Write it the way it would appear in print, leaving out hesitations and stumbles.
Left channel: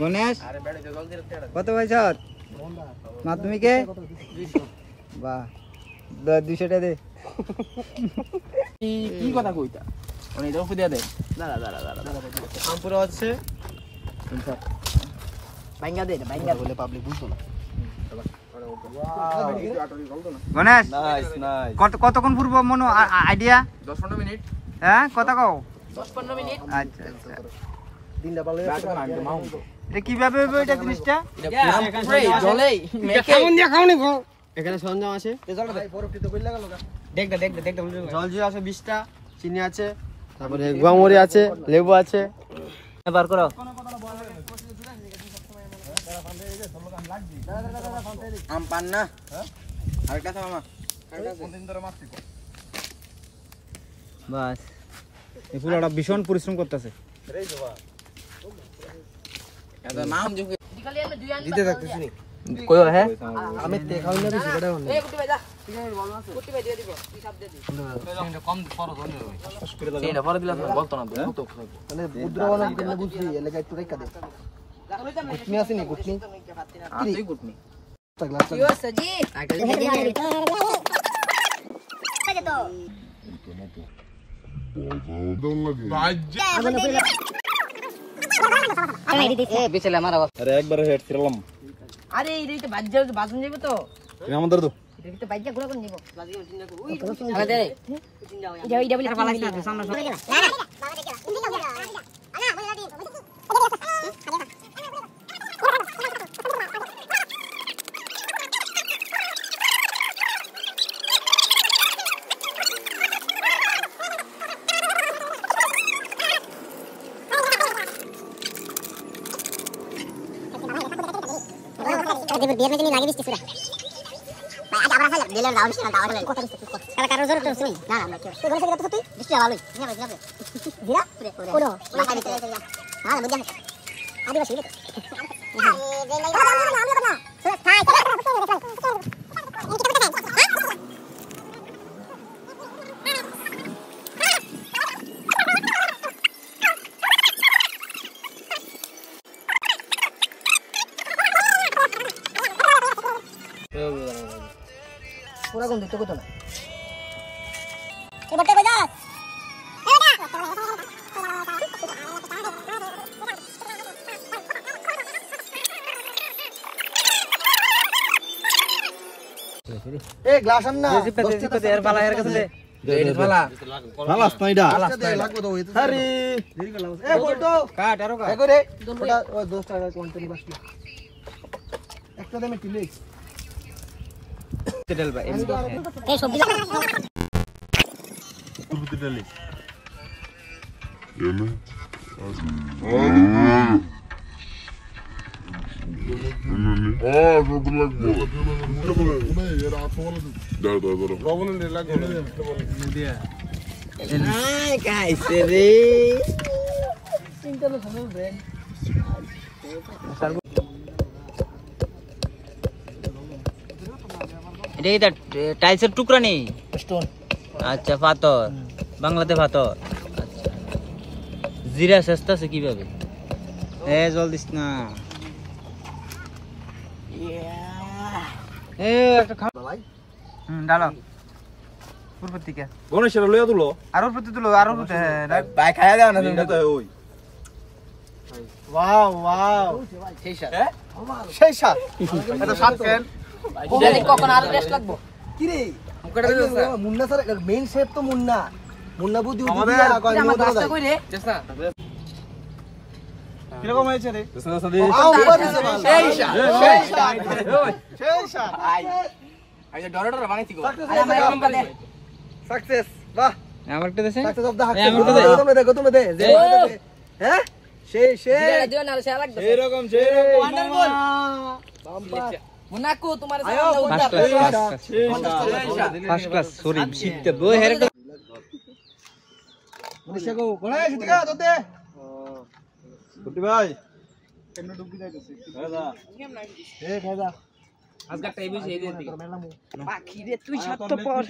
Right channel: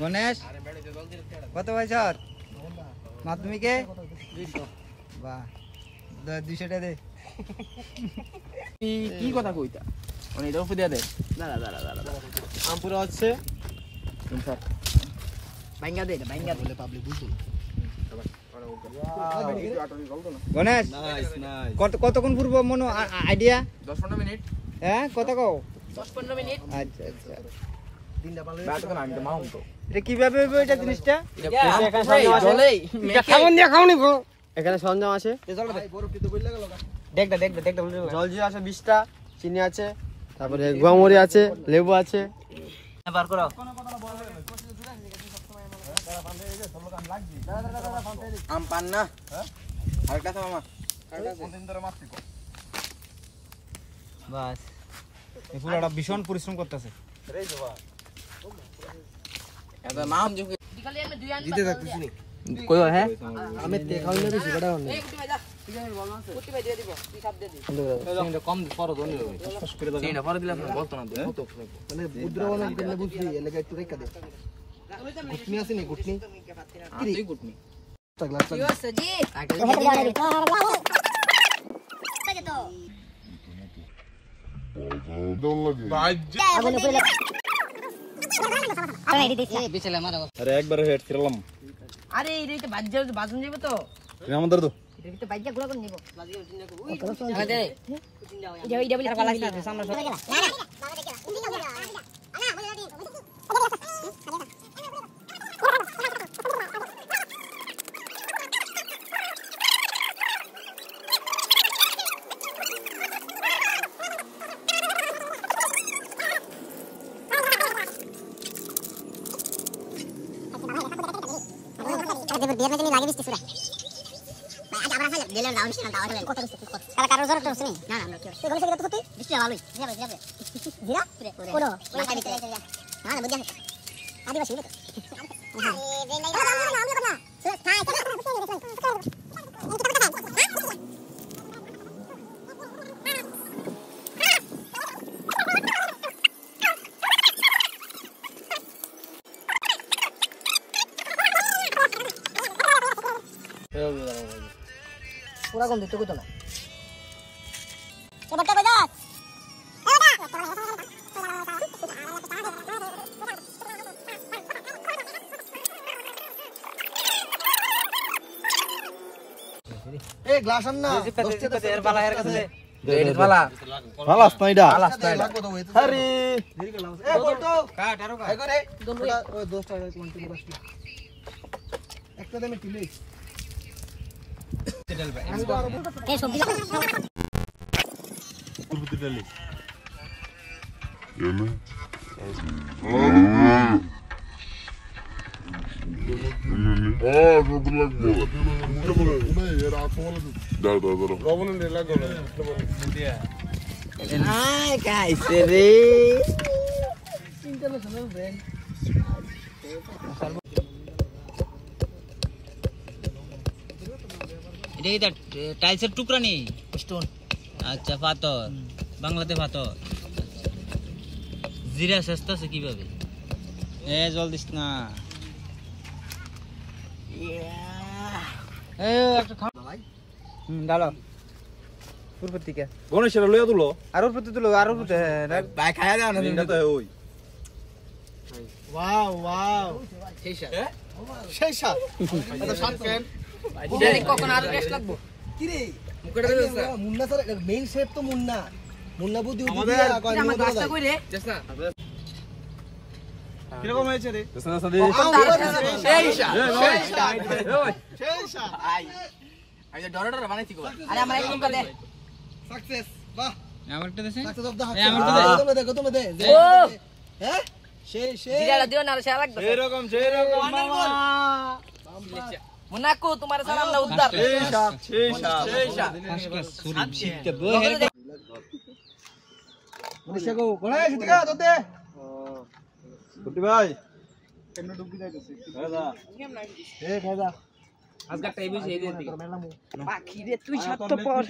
গণেশ কত বছর মাধ্যমিকে? বাহ 200 টাকা দে। কি কথা কইতা মানে এটা উপরে দে। দাঁড়া দাঁড়া দাঁড়া আম পুরো আছে ভাঙ্গা দে ভাঙ্গা বলে পাবলিক বুঝতো না। গণেশ নাইস নাইস কতক্ষণ পূর্ব মনো আইডিয়া? 10-15 মিনিট। হ্যাঁ কথা কও। 10-15 মিনিট। আচ্ছা আচ্ছা দিনটা ভালো আছে আমি তো মাউন্ট তো এটা কিভাবে হবে এটা জিনিসটা? এটা জলেই কেমন দিয়া খাওনি গো। এখানে সরঞ্জাম আছে এই জলটা ভাই বরফটি তো বইলা গেল গা। দেখ জল জি আছে 20টা, চিনি আছে, তারপরে গুয়ামরি আছে, লেবু আছে। বার করো আম পান না আরেকটা আছে মামা কোনদিন ধরে মাছ পিকো বাস এই পুরোটা ভীষণ পরিশ্রম করতেছে। রেই বাবা এটা নাম যে দিতে রাখতেছি নি কই হ্যাঁ আমি তে খাওই না বেশি বড় হন এই কুটি ভাই যা ঠিক আছে ভালো আছে কুটি ভাই দিয়ে দিব হিসাব দিয়ে দিই এটা কম পরে দন দিও সস করে দাও এটা পরে দিলে বলতো না তো মানে বুদ্রবানা দিলে বুঝবি এলাকা একটু রেখা দে গুটনি আছে নি গুটনি তুই গুটনি গ্লাস ইও সজি আগে তো আরে একবার হেড করলাম। আরে এই তো বাজ্জা বাসন যাবে তো আমাদের তো এটা তো বাজ্জা গুড়া করে নিব বাজিয়ে চিন্তা করব আরে দে এটা বলি পালা লাগি সামনে না না বাবা দেখি আনা বলে দাদি biar nanti lagi bisnis sudah. Baik, ada apa saja? Dia lawan sih, lawan lawan. Kota bisnis. Kalau karo zoro terus nih. Nah, nah, itu gua kita tutup. Bisnis lalu. Ini apa siapa? Gila? Udah. Makan itu ya. Nah, begitu. Ada masih itu. Nah, ini apa? Sudah, hai. पूरा गंद तो ना ये बट्टे बजा a glass अन्ना 10 টা এর বালা এর কাছে এর বালা ভালো স্নাইডা লাগবো তো আরে দেরি করলাম এ বটো কাট আরো কাট করে 10 টাকা কোয়ান্টিটি বাসলি একটা দামে কিলো তেল ভাই এই সবজি পুরো তেল Yana. Çok লাগবো। দাঁড়া। কবনে লাগবে না। আই কাইছে রে চিন্তা না সময় ব্রেন এটা কি টাইলসের টুকরা নেই স্টোন আচ্ছা পাথর বাংলাতে পাথর আচ্ছা জিরা সস্তা আছে কিভাবে এ জল দিস না এই একটা খাও ভাই ডালো পুরো থেকে গণেশের লইয়া তুলো আর ওর প্রতি তুলো আর ওর প্রতি ভাই খায়া দাও না তুমি তো ওই ওয়াও ওয়াও সেই সাত এটা সাত কেন জানি কখন আর টেস্ট লাগবো কি রে মুন্না স্যার মেইন শেপ তো মুন্না মুন্না বুদ্ধি আমাদের আমার কাজটা কই রে চেষ্টা কিরকম হয়েছে রে সেই সাত আই ডর বানাইছি গো আরে আমার এক নম্বর দে সাকসেস বাহ আমার একটা দেন সাকসেস অফ দা হাক তুমি দে হ্যাঁ সেই জিরা দিও না সে লাগবে এরকম মুনাকু তোমার সামনে উদ্ধার ফার্স্ট ক্লাস সরি শিখতে বই হেরে মনীষা গো কোনে সিটিকা তোতে কুটি ভাই কেন ডুবি যাইতেছে দাদা এ দাদা আজকে টাইম হইছে এই দিতে পাখি রে তুই সাত তো পর